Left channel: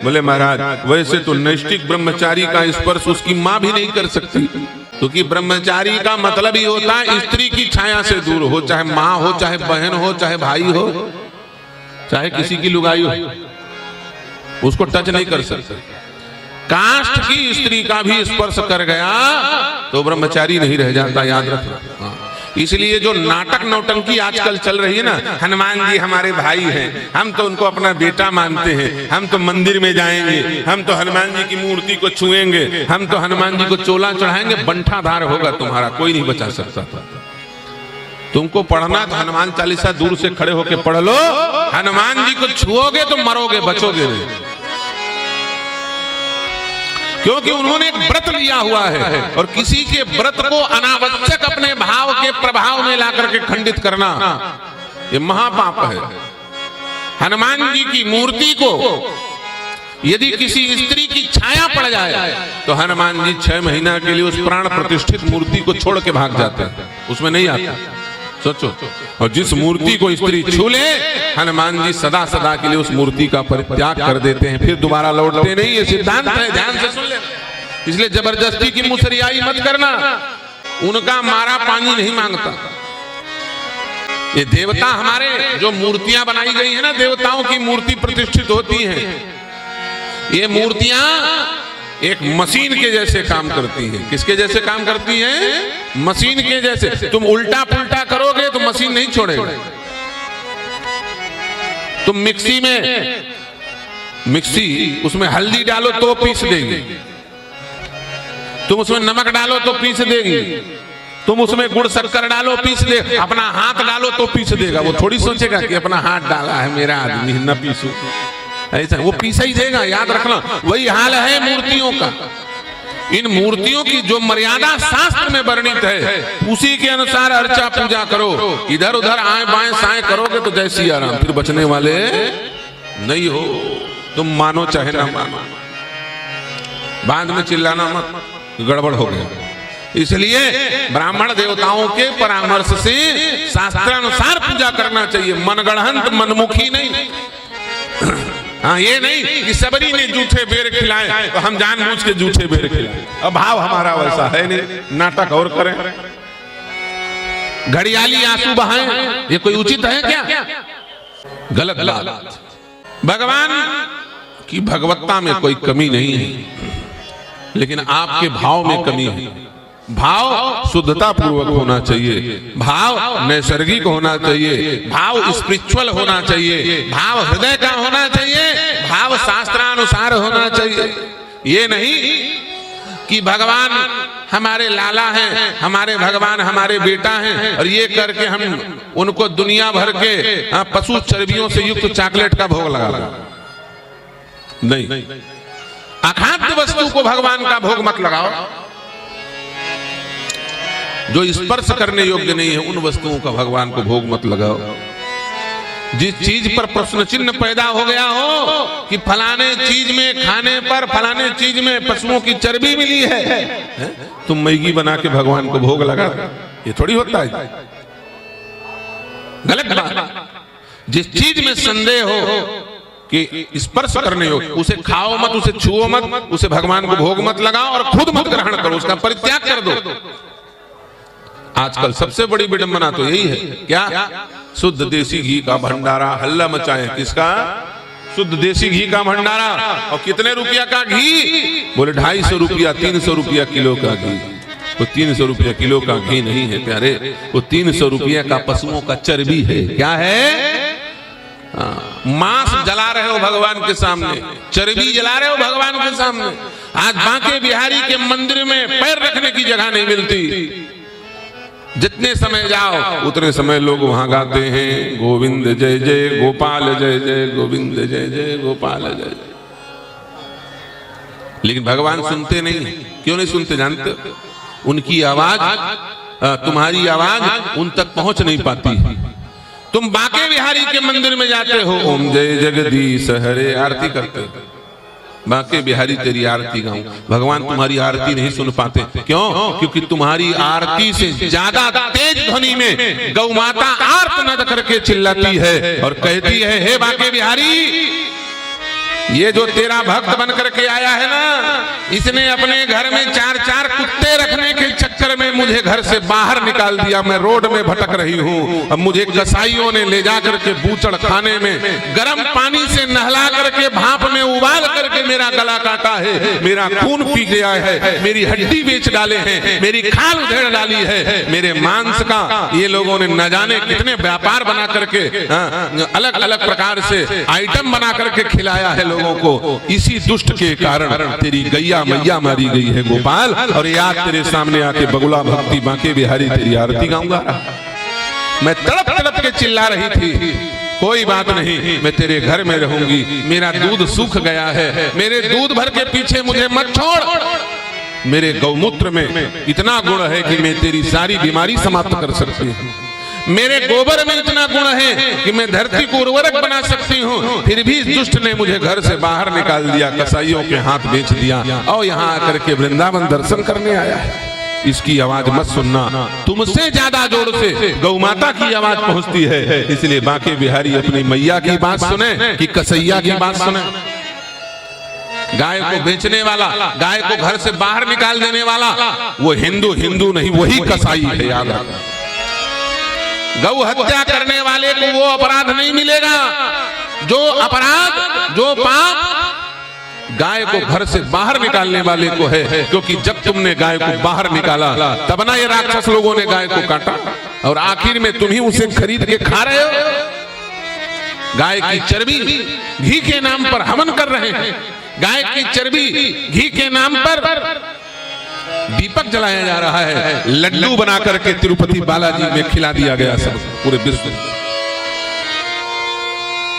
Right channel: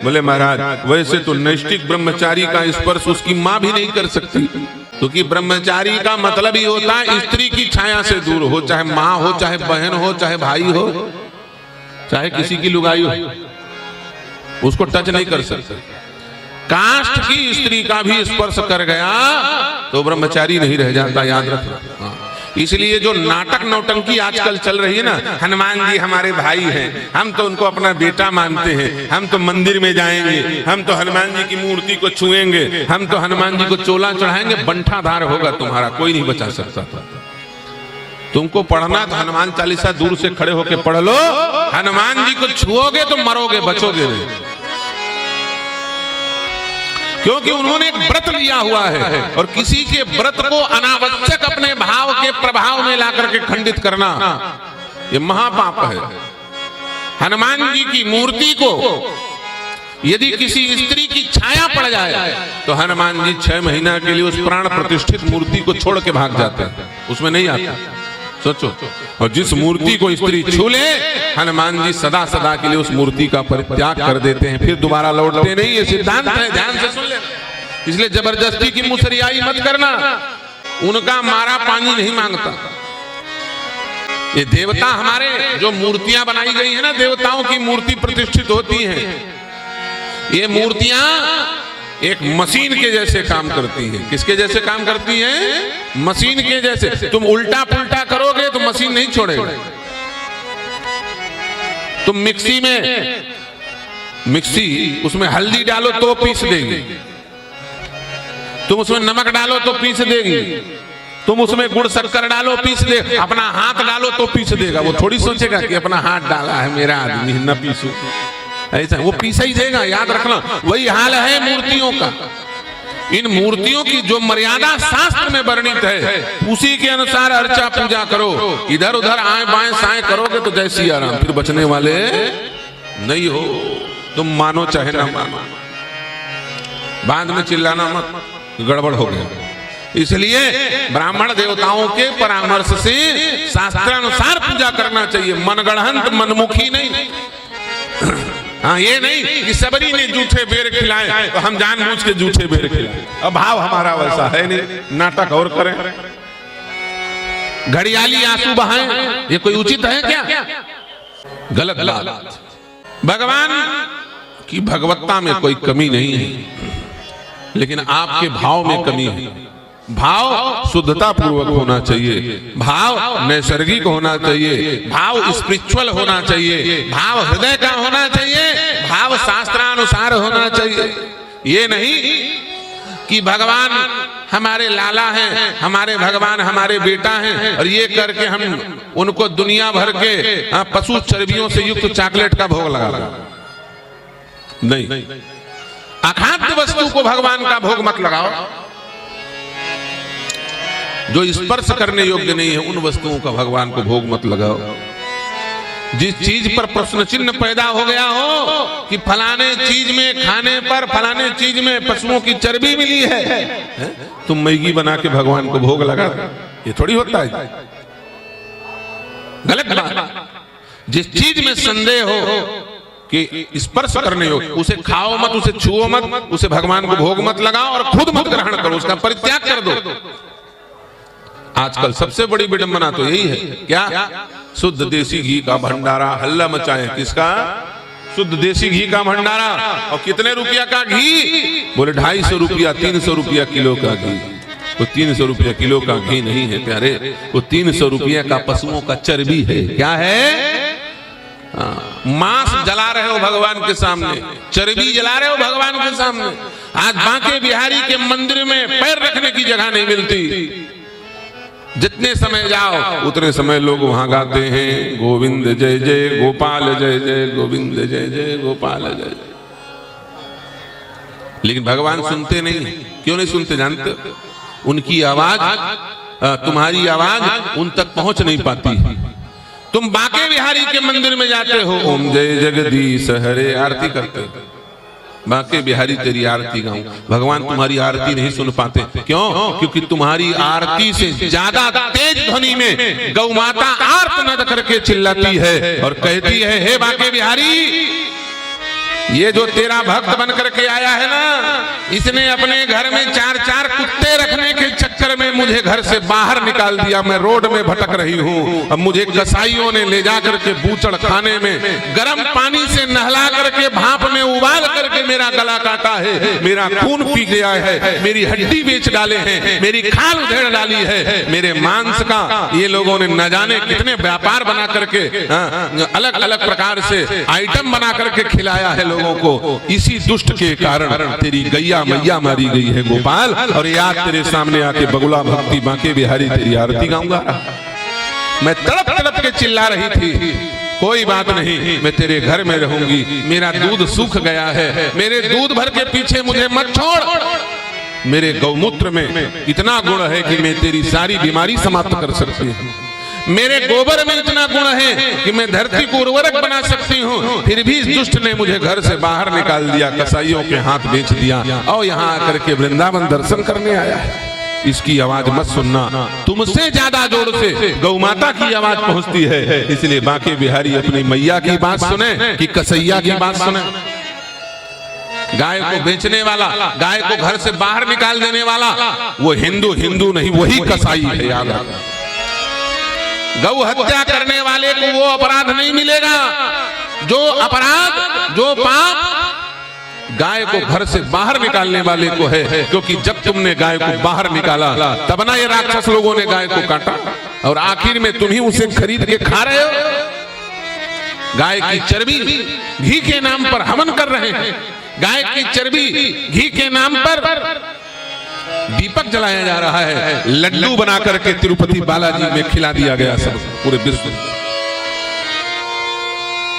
बोले महाराज वैसे तो नैष्ठिक ब्रह्मचारी का स्पर्श उसकी माँ भी नहीं कर सकती, क्योंकि ब्रह्मचारी का मतलब ही होता है स्त्री की छाया से दूर हो, चाहे माँ हो, चाहे बहन हो, चाहे भाई हो, चाहे किसी की लुगाई हो, उसको टच नहीं कर सकते। काष्ठ की स्त्री का भी स्पर्श कर गया तो ब्रह्मचारी नहीं रह जाता, याद रखना। इसलिए जो नाटक नौटंकी आजकल चल रही है ना, हनुमान जी हमारे भाई हैं, हम तो उनको अपना बेटा मानते हैं, हम तो मंदिर में जाएंगे, हम तो हनुमान जी की मूर्ति को छुएंगे, हम तो हनुमान जी को चोला चढ़ाएंगे, बंठाधार होगा तुम्हारा, कोई नहीं बचा सकता। तुमको पढ़ना तो हनुमान चालीसा दूर से खड़े होकर पढ़ लो, हनुमान जी को छुओगे तो मरोगे, बचोगे नहीं, क्योंकि उन्होंने एक व्रत लिया हुआ है और किसी के व्रत को अनावश्यक अपने भाव के प्रभाव में लाकर के खंडित करना ये महापाप है। हनुमान जी की मूर्ति को यदि किसी स्त्री की छाया पड़ जाए तो हनुमान जी 6 महीना के लिए उस प्राण प्रतिष्ठित मूर्ति को छोड़ के भाग जाते हैं, उसमें नहीं आता। सोचो, और जिस मूर्ति को स्त्री छू ले हनुमान जी सदा सदा के लिए उस मूर्ति का परित्याग कर देते हैं, फिर दोबारा लौटते नहीं, ये सिद्धांत है, ध्यान से सुन ले। इसलिए जबरदस्ती की मुसरियाई मत करना, उनका मारा पानी नहीं मांगता। ये देवता हमारे जो मूर्तियां बनाई गई है ना, देवताओं की मूर्ति प्रतिष्ठित होती है, ये मूर्तियां एक मशीन के जैसे काम करती है। किसके जैसे काम करती है? मशीन के जैसे। तुम उल्टा पुल्टा करोगे तो मशीन नहीं छोड़ेगा। तुम मिक्सी उसमें हल्दी डालो तो पीस देगी, तुम उसमें नमक डालो तो पीस देगी, तुम उसमें गुड़ शक्कर डालो पीस दे, अपना हाथ डालो तो पीस देगा। वो थोड़ी सोचेगा कि अपना हाथ डाला है मेरा आदमी न पीसू, ऐसा वो पीसा ही देगा, याद रखना। वही हाल है मूर्तियों का। इन मूर्तियों की जो मर्यादा शास्त्र में वर्णित है उसी के अनुसार अर्चा पूजा करो। इधर उधर आए बाएं साएं करोगे तो जय सिया राम, फिर बचने वाले नहीं हो। तुम मानो चाहे ना मानो, बाद में चिल्लाना मत, गड़बड़ हो गया। इसलिए ब्राह्मण देवताओं के परामर्श से शास्त्रानुसार पूजा करना चाहिए, मनगढ़ंत मनमुखी नहीं। हाँ, ये नहीं कि सबरी ने जूठे बेर खिलाए तो हम जानबूझ के जूठे बेर खिलाए। अब भाव हमारा वैसा है नहीं, नाटक और करें, घड़ियाली आंसू बहाएं, ये कोई उचित है क्या? गलत बात। भगवान की भगवत्ता में कोई कमी नहीं है, लेकिन आपके भाव में कमी है। भाव शुद्धता पूर्वक होना चाहिए, भाव नैसर्गिक होना चाहिए, भाव स्पिरिचुअल होना चाहिए, भाव हृदय का होना चाहिए, भाव शास्त्रानुसार होना चाहिए। ये नहीं कि भगवान हमारे लाला हैं, हमारे भगवान हमारे बेटा हैं, और ये करके हम उनको दुनिया भर के पशु चर्बियों से युक्त चॉकलेट का भोग लगा नहीं। अखाद्य वस्तु को भगवान का भोग मत लगाओ। जो स्पर्श करने योग्य नहीं है उन वस्तुओं का भगवान को भोग मत लगाओ। जिस चीज पर प्रश्न चिन्ह पैदा हो गया हो कि फलाने चीज में खाने पर फलाने चीज में पशुओं की चर्बी मिली है, तुम मैगी बना के भगवान को भोग लगा, ये थोड़ी होता है, गलत बात। जिस चीज में संदेह हो कि स्पर्श करने हो उसे खाओ मत, उसे छुओ मत, उसे भगवान को भोग मत लगाओ और खुद मत ग्रहण करो, उसका परित्याग कर दो। आजकल सबसे बड़ी विडंबना तो यही है, क्या? शुद्ध देसी घी का भंडारा हल्ला मचाए। किसका? शुद्ध देसी घी का भंडारा। और कितने रुपया का घी? बोले 250 रुपया, 300 रुपया किलो का घी। वो 300 रुपया किलो का घी नहीं है प्यारे, वो 300 रुपया का पशुओं का चर्बी है। क्या है? मांस जला रहे हो भगवान के सामने, चर्बी जला रहे हो भगवान के सामने। आज बांके बिहारी के मंदिर में पैर रखने की जगह नहीं मिलती। जितने समय जाओ उतने समय लोग वहां गाते हैं गोविंद जय जय गोपाल जय जय, गोविंद जय जय गोपाल जय। लेकिन भगवान सुनते नहीं। क्यों नहीं सुनते जानते? उनकी आवाज, तुम्हारी आवाज उन तक पहुंच नहीं पाती है। तुम बांके बिहारी के मंदिर में जाते हो, जय जगदीश हरे आरती करते हो, बांके बिहारी तेरी आरती गाऊं, भगवान तुम्हारी आरती नहीं सुन पाते। क्यों? क्योंकि तुम्हारी आरती से ज्यादा तेज ध्वनि में गौ माता आर्तनाद करके चिल्लाती है और कहती है, हे बांके बिहारी ये जो तेरा भक्त बन करके आया है ना, इसने अपने घर में 4-4 कुत्ते रखने के चक्कर में मुझे घर से बाहर निकाल दिया। मैं रोड में भटक रही हूँ। अब मुझे कसाईयों ने ले जा करके बूचड़ खाने में गर्म पानी से नहला करके भाप में उबाल करके मेरा गला काटा है, मेरा खून पी गया है, मेरी हड्डी बेच डाले हैं, मेरी खाल उधेड़ डाली है, मेरे मांस का ये लोगों ने न जाने कितने व्यापार बना करके अलग अलग प्रकार से आइटम बना करके खिलाया है लोगों को। इसी दुष्ट के कारण तेरी गैया मैया मारी गई है गोपाल। और याद तेरे सामने आके बगुला भक्ति बांके बिहारी तेरी आरती गाऊंगा। मैं तड़प तड़प के चिल्ला रही थी, कोई बात नहीं, मैं तेरे घर में रहूंगी। मेरा दूध सूख गया है, मेरे दूध भर के पीछे मुझे मत छोड़। मेरे गौमूत्र में इतना गुण है कि मैं तेरी सारी बीमारी समाप्त कर सकती हूँ। मेरे गोबर में इतना गुण है कि मैं धरती को उर्वरक बना सकती हूँ। फिर भी इस दुष्ट ने मुझे घर से बाहर निकाल दिया, कसाईयों के हाथ बेच दिया और यहाँ आकर के वृंदावन दर्शन करने आया है। इसकी आवाज मत सुनना, तुमसे ज्यादा जोर से गौ माता की आवाज पहुंचती है। इसलिए बांके बिहारी अपनी मैया की बात सुने कि कसैया की बात सुने। गाय को बेचने वाला, गाय को घर से बाहर निकाल देने वाला वो हिंदू नहीं, वही कसाई है। याद रखना, गौ हत्या करने वाले को वो अपराध नहीं मिलेगा जो अपराध, जो पाप गाय को घर से बाहर निकालने वाले को है। क्योंकि जब तुमने गाय को बाहर निकाला तब ना ये राक्षस लोगों ने गाय को काटा और आखिर में तुम ही उसे खरीद के खा रहे हो। गाय की चर्बी घी के नाम पर हवन कर रहे हैं। गाय की चर्बी घी के नाम पर दीपक जलाया जा रहा है। लड्डू बना करके तिरुपति बालाजी में खिला दिया गया सब पूरे विश्व में।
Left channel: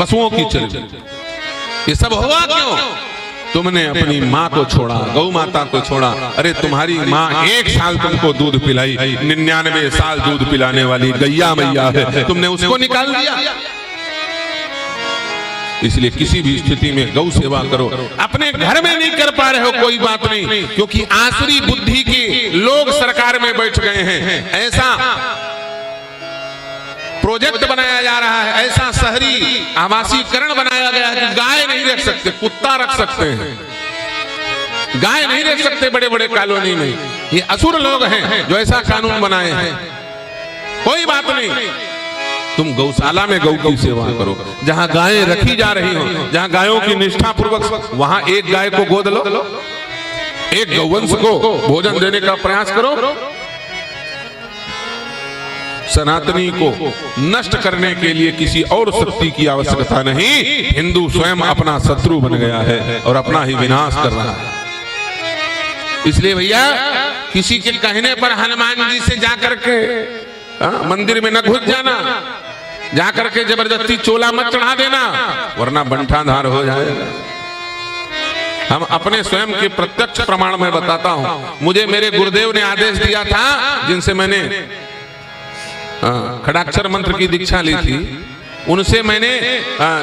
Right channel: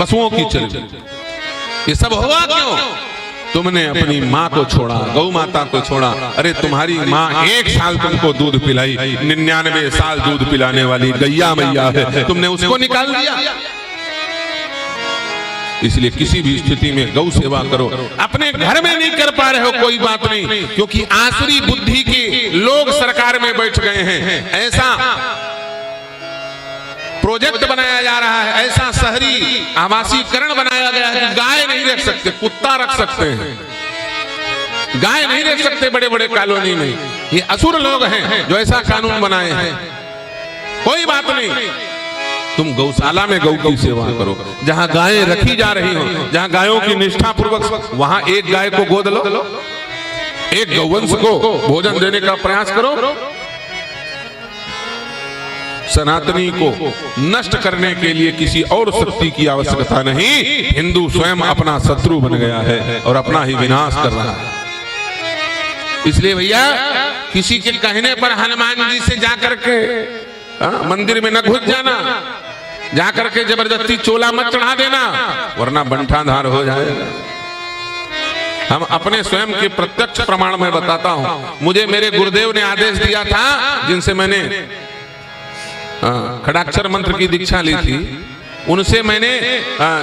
पशुओं की चर्बी, ये सब हुआ क्यों? तुमने अपनी माँ को छोड़ा, गौ माता को छोड़ा। अरे तुम्हारी माँ 1 साल तुमको दूध पिलाई, 99 साल दूध पिलाने वाली गैया मैया है, तुमने उसको निकाल दिया। इसलिए किसी भी स्थिति में गौ सेवा करो। अपने घर में नहीं कर पा रहे हो, कोई बात नहीं, क्योंकि आसरी बुद्धि के लोग सरकार में बैठ गए हैं। ऐसा प्रोजेक्ट बनाया जा रहा है, ऐसा शहरी आवासीकरण बनाया गया है कि गाय नहीं रख सकते, कुत्ता रख सकते हैं, गाय नहीं रख सकते बड़े बड़े कॉलोनी में। ये असुर लोग हैं जो ऐसा कानून बनाए हैं। कोई बात नहीं, तुम गौशाला में गौ की सेवा करो। जहां गायें रखी जा रही हो, जहां गायों की निष्ठा पूर्वक, वहां एक गाय को गोद लो, एक गौवंश को भोजन देने का प्रयास करो। सनातनी को नष्ट करने के लिए किसी और शक्ति की आवश्यकता नहीं। हिंदू स्वयं अपना शत्रु बन गया है और अपना ही विनाश कर रहा है। इसलिए भैया, किसी के कहने पर हनुमान जी से जाकर के मंदिर में न घुस जाना, जाकर के जबरदस्ती चोला मत चढ़ा देना, वरना बंठाधार हो जाए। हम अपने स्वयं के प्रत्यक्ष प्रमाण में बताता हूं। मुझे मेरे गुरुदेव ने आदेश दिया था, जिनसे मैंने खड़ाक्षर मंत्र की दीक्षा ली थी, उनसे मैंने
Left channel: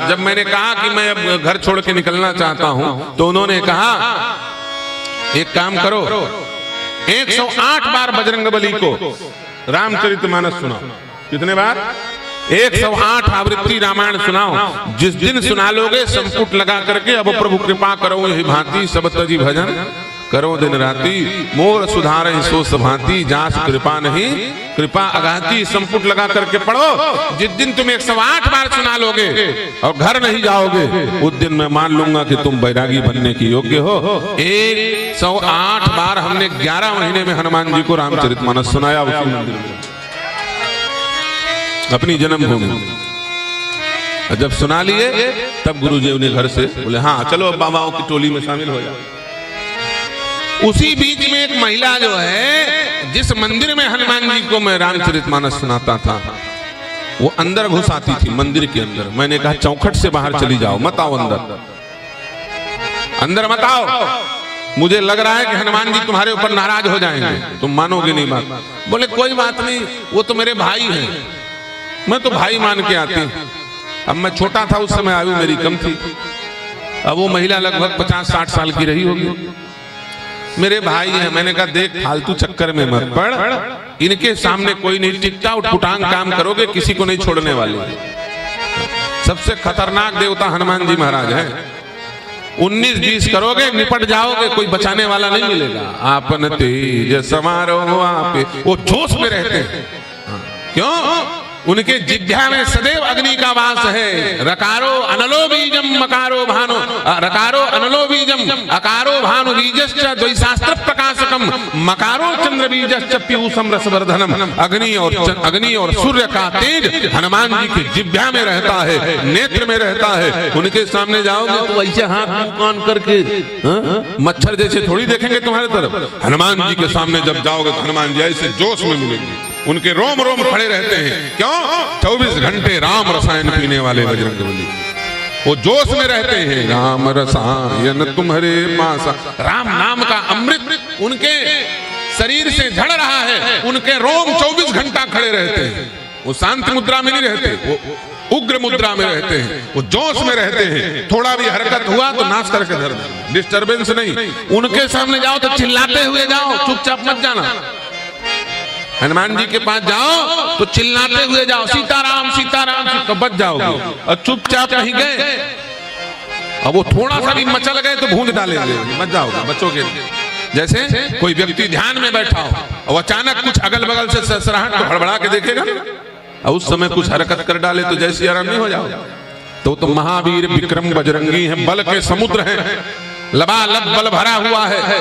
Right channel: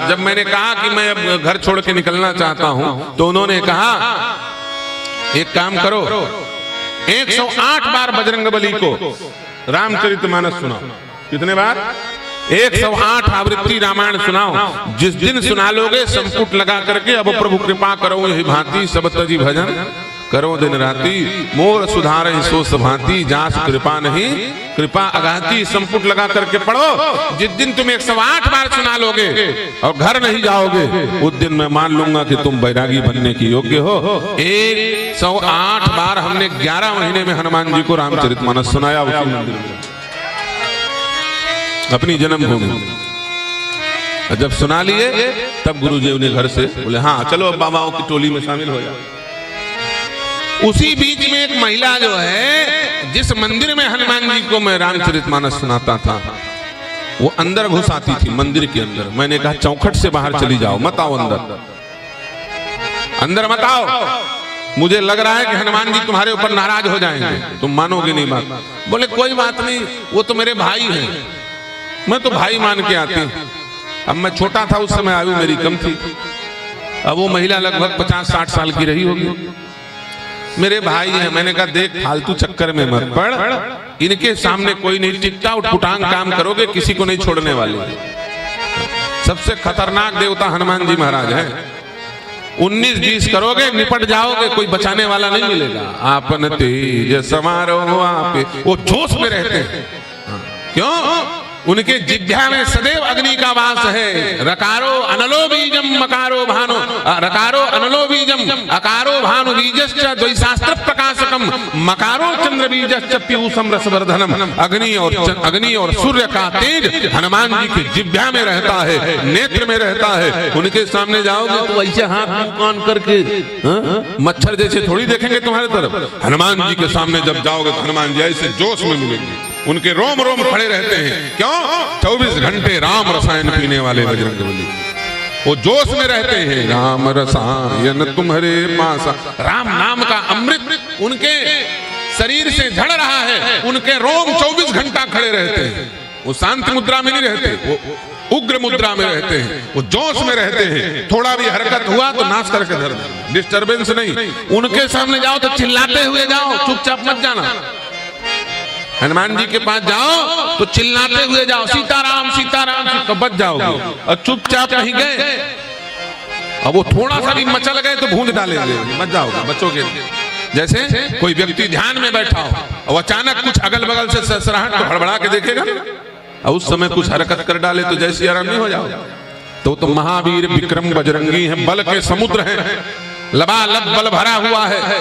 जब मैंने कहा कि मैं अब घर छोड़ के निकलना चाहता हूं, तो उन्होंने कहा एक काम करो, 108 बार बजरंगबली को रामचरितमानस सुनाओ। कितने बार? 108 आवृत्ति रामायण सुनाओ। जिस दिन सुना लोगे संपुट लगा करके, अब प्रभु कृपा करो ही भांति, सब तजी भजन करो दिन राती, मोर सुधारे सो सभांति, जास कृपा नहीं कृपा अगाती। संपुट लगा करके पढ़ो। जिस दिन तुम 108 बार सुना लोगे और घर नहीं जाओगे, उस दिन मैं मान लूंगा कि तुम बैरागी बनने के योग्य हो। 108 बार हमने 11 महीने में हनुमान जी को रामचरितमानस सुनाया उसी मंदिर में, अपनी जन्म हो गई। जब सुना लिए तब गुरुदेव ने घर से बोले, हाँ चलो अब बाबाओं की टोली में शामिल हो जाओ। उसी बीच में एक महिला जो है, जिस मंदिर में हनुमान जी को मैं रामचरितमानस सुनाता था, वो अंदर घुस आती थी मंदिर के अंदर। मैंने कहा चौखट से बाहर चली जाओ, मत आओ अंदर मत आओ। मुझे लग रहा है कि हनुमान जी तुम्हारे ऊपर नाराज हो जाएंगे, तुम मानोगे नहीं। बोले कोई बात नहीं, वो तो मेरे भाई है, मैं तो भाई मान के आती हूँ। अब मैं छोटा था उस समय, आयु मेरी कम थी। अब वो महिला लगभग 50-60 साल की रही होगी। मेरे भाई है, मैंने कहा देख फालतू चक्कर में मत पड़, इनके सामने कोई नहीं, टिकटा उठपुटांग काम करोगे, किसी को नहीं छोड़ने वाले। सबसे खतरनाक देवता हनुमान जी महाराज है। 19-20 करोगे निपट जाओगे, कोई बचाने वाला नहीं मिलेगा। आपन तेज समारो आपे, वो जोश में रहते हैं। क्यों? उनके जिह्वा में सदैव अग्नि का वास है। रकारो अनलो बीजम मकारो भानु, रकारो अनलो बीजम अकारो भानु बीजश्च द्वैशास्त्र प्रकाशकम मकारो चंद्र बीजश्च पीयूषम रसवर्धनम। अग्नि और सूर्य का तेज हनुमान जी के जिह्वा में रहता है, नेत्र में रहता है। उनके सामने जाओगे तो ऐसे हाथ कौन करके मच्छर जैसे थोड़ी देखेंगे तुम्हारे तरफ। हनुमान जी के सामने जब जाओगे तो हनुमान जी ऐसे जोश में मिलेंगे, उनके रोम रोम खड़े रहते हैं। क्यों? 24 घंटे राम रसायन पीने वाले बजरंगबली, वो जोश में रहते हैं। राम रसायन तुम्हारे पास, राम नाम का अमृत उनके शरीर से झड़ रहा है, उनके रोम 24 घंटा खड़े रहते हैं। वो शांत मुद्रा में नहीं रहते, वो उग्र मुद्रा में रहते हैं, वो जोश में रहते हैं। थोड़ा भी हरकत हुआ तो नाश करके धर, डिस्टर्बेंस नहीं। उनके सामने जाओ तो चिल्लाते हुए जाओ, चुपचाप मत जाना। हनुमान जी के पास जाओ तो चिल्लाते हुए जाओ, सीताराम सीताराम, तो बच जाओगे। और चुपचाप कहीं गए अब वो थोड़ा सा भी मचल गए तो भूंज डालेंगे, बच जाओगे, बचोगे। जैसे कोई व्यक्ति ध्यान में बैठा हो और अचानक कुछ अगल बगल से सरसराहट हड़बड़ा के देखेगा और उस समय कुछ हरकत कर डाले तो जैसे आराम नहीं हो जाओगे। तो महावीर विक्रम बजरंगी है, बल के समुद्र है, लगालग बल भरा हुआ है,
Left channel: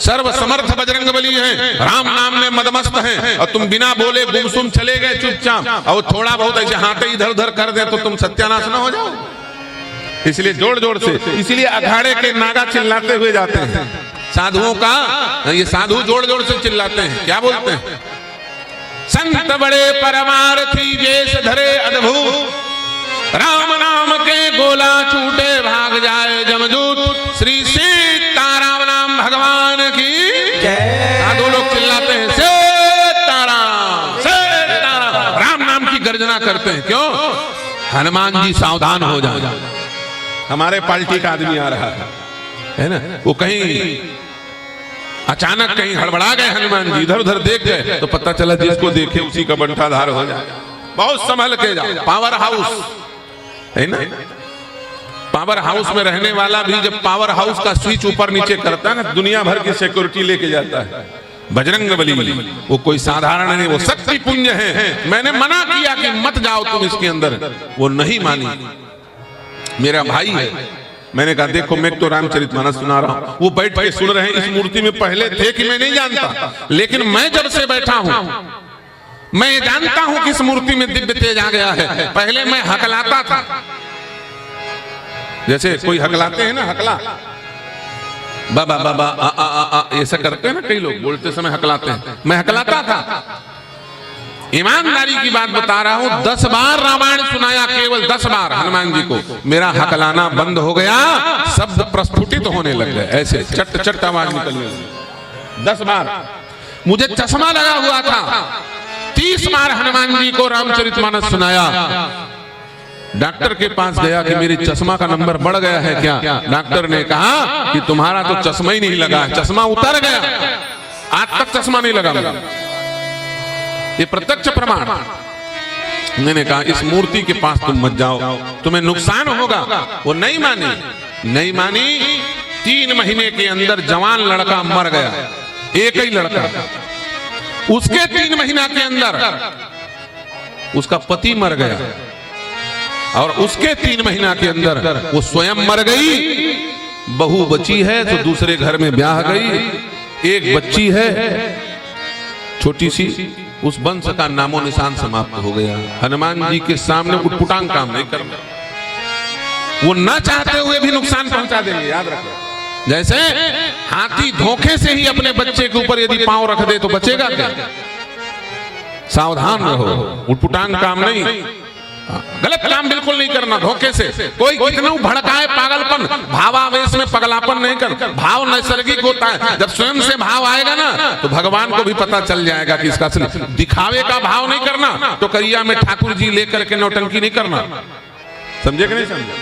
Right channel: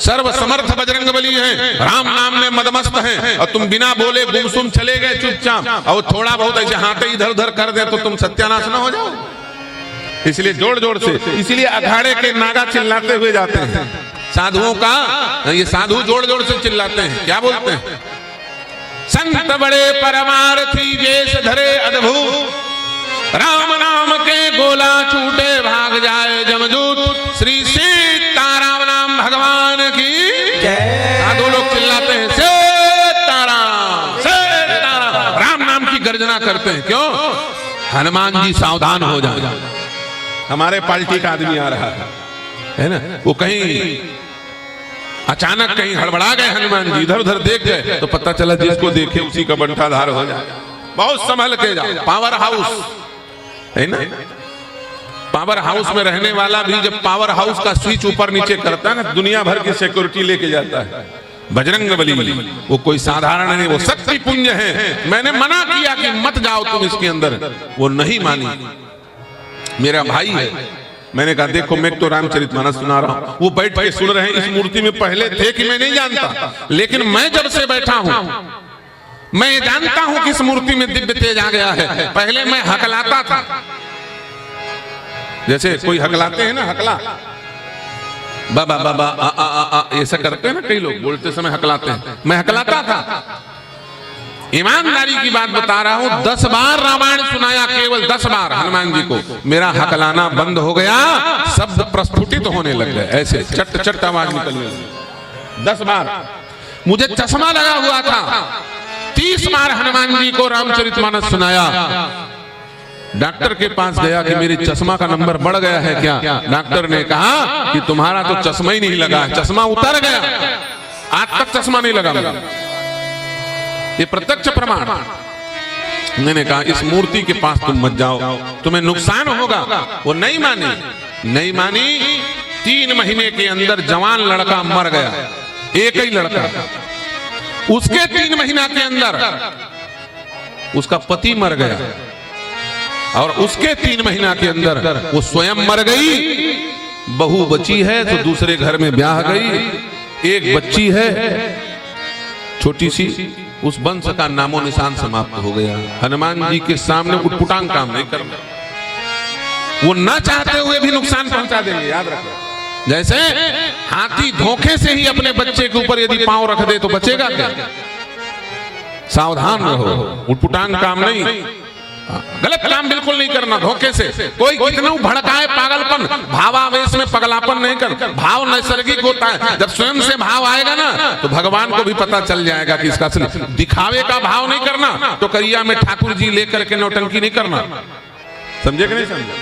सर्व समर्थ बजरंगबली है, राम नाम में मदमस्त है। तुम बिना बोले गुमसुम चले गए चुपचाप और थोड़ा बहुत ऐसे हाथ इधर उधर कर दे तो तुम सत्यानाश न हो जाओ। इसलिए जोड़ जोड़ से, इसलिए अखाड़े के नागा चिल्लाते हुए जाते हैं। साधुओं का ये साधु जोड़ जोड़ से चिल्लाते हैं, क्या बोलते हैं? संत बड़े परमार्थी वेश धरे अद्भुत, राम नाम के गोला छूटे भाग जाए जमदूत। श्री सीताराम नाम भगवान की जय। साधु लोग चिल्लाते हैं सीताराम सीताराम, राम नाम की गर्जना करते हैं। क्यों? हनुमान जी सावधान हो जाए। हमारे पार्टी का आदमी आ रहा है ना, वो कहीं अचानक कहीं हड़बड़ा गए हनुमान जी, इधर उधर देख गए तो पता चला जिसको देखे उसी का बंटाधार हो जाए। बहुत संभल के जाए। पावर हाउस, पावर हाउस में रहने वाला भी जब पावर हाउस का स्विच ऊपर नीचे करता है ना, दुनिया भर की सिक्योरिटी लेके जाता है। बजरंगबली वो कोई साधारण नहीं, वो शक्ति पुंज है। मैंने मना किया कि मत जाओ तुम इसके अंदर, वो नहीं माने। मेरा भाई, मैंने कहा देखो मैं तो रामचरितमानस सुना रहा हूँ, वो बैठ के सुन रहे हैं। इस मूर्ति में पहले थे कि मैं नहीं जानता, लेकिन मैं जब से बैठा हूँ मैं जानता हूं कि इस मूर्ति में दिव्य तेज आ गया है। पहले मैं हकलाता था, जैसे कोई हकलाते हैं ना, हकला बाबा बाबा ऐसा करते हैं ना, कई लोग बोलते समय हकलाते हैं, मैं हकलाता था। ईमानदारी की बात बता रहा हूं, 10 बार रामायण सुनाया, केवल 10 बार हनुमान जी को। मेरा हकलाना बंद हो गया, शब्द प्रस्फुटित होने लग गए, ऐसे चट चट आवाज निकली 10 बार। मुझे चश्मा लगा हुआ था, 30 बार हनुमान जी को रामचरितमानस सुनाया। डॉक्टर के पास गया कि मेरे चश्मा का नंबर बढ़ गया है क्या? डॉक्टर ने कहा कि तुम्हारा तो चश्मा ही नहीं लगा, चश्मा उतर गया, आज तक चश्मा नहीं लगा मेरा। ये प्रत्यक्ष प्रमाण। मैंने कहा इस मूर्ति के पास तुम मत जाओ, तुम्हें नुकसान होगा। वो नहीं मानी, नहीं मानी। 3 महीने के अंदर जवान लड़का मर गया, एक ही लड़का। उसके 3 महीना के अंदर उसका पति मर गया, और उसके 3 महीना के अंदर वो स्वयं मर गई। बहू बची है तो दूसरे घर में ब्याह गई, एक बच्ची है छोटी सी, उस वंश का नामो निशान समाप्त हो गया। हनुमान जी के सामने उटपुटांग काम नहीं करना, वो ना चाहते हुए भी नुकसान पहुंचा देंगे, याद रखना। जैसे हाथी धोखे से ही अपने बच्चे के ऊपर यदि पांव रख दे तो बचेगा क्या? सावधान रहो, उटपुटांग काम नहीं, गलत काम बिल्कुल नहीं करना धोखे से। कोई कितना भड़काए पागलपन, भावावेश में पगलापन नहीं कर। भाव नैसर्गिक होता है, जब स्वयं से भाव आएगा ना तो भगवान को भी पता चल जाएगा कि इसका असली। दिखावे का भाव नहीं करना, तो करिया में ठाकुर जी लेकर के नौटंकी नहीं करना, समझे कि नहीं समझे?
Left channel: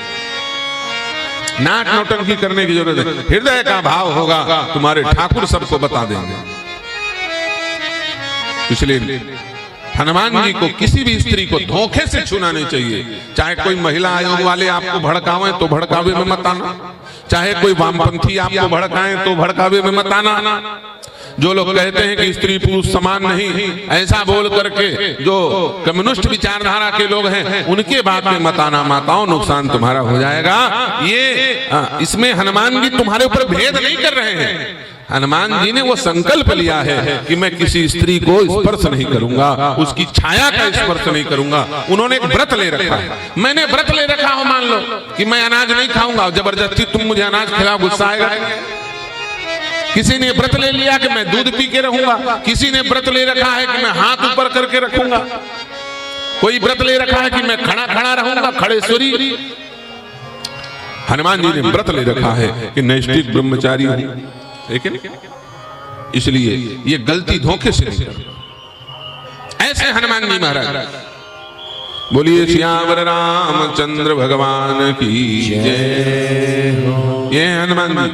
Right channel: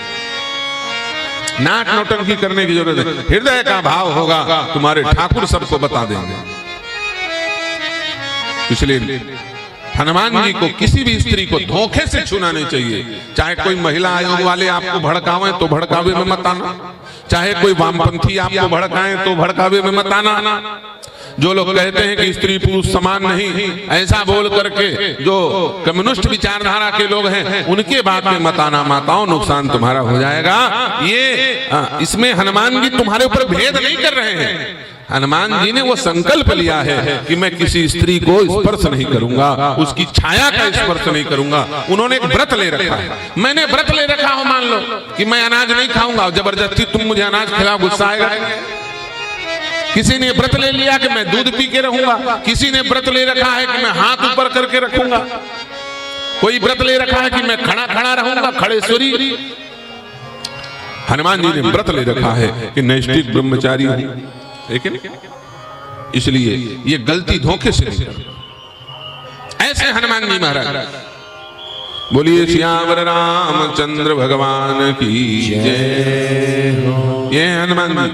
नाक नौटंकी करने की जरूरत है, हृदय का भाव होगा, तुम्हारे ठाकुर सबको बता देंगे। इसलिए हनुमान जी को किसी भी स्त्री को धोखे से छूना नहीं चाहिए। चाहे कोई महिला आयोग वाले आपको भड़कावे तो भड़कावे में मत आना, चाहे कोई वामपंथी आपको भड़काए तो भड़कावे में मत आना। जो लोग कहते हैं कि स्त्री पुरुष समान नहीं, ऐसा बोल करके जो कम्युनिस्ट विचारधारा के लोग हैं उनके बात में मत आना, माताओं नुकसान तुम्हारा हो जाएगा। ये इसमें हनुमान जी तुम्हारे ऊपर भेद नहीं कर रहे हैं। हनुमान जी ने वो संकल्प लिया है कि मैं किसी स्त्री को स्पर्श नहीं करूंगा, उसकी छाया का स्पर्श नहीं करूंगा। उन्होंने एक व्रत ले रखा, मैंने व्रत ले रखा हूं, मान लो कि मैं अनाज नहीं खाऊंगा, जबरदस्ती तुम मुझे अनाज खिलाओ, गुस्सा आएगा। किसी ने व्रत ले लिया कि मैं दूध पी के रहूंगा, किसी ने व्रत ले रखा है कि मैं हाथ ऊपर करके रखूंगा, कोई व्रत ले रखा है कि मैं खड़ा खड़ा रहूंगा, खड़ेश्वरी। हनुमान जी ने व्रत ले रखा है कि नैष्ठिक ब्रह्मचारी हूं, लेकिन इसलिए ये गलती धोखे से। ऐसे हनुमान जी महाराज। बोलिए श्यामल रामचंद्र भगवान की जय हो। ये हनुमान जी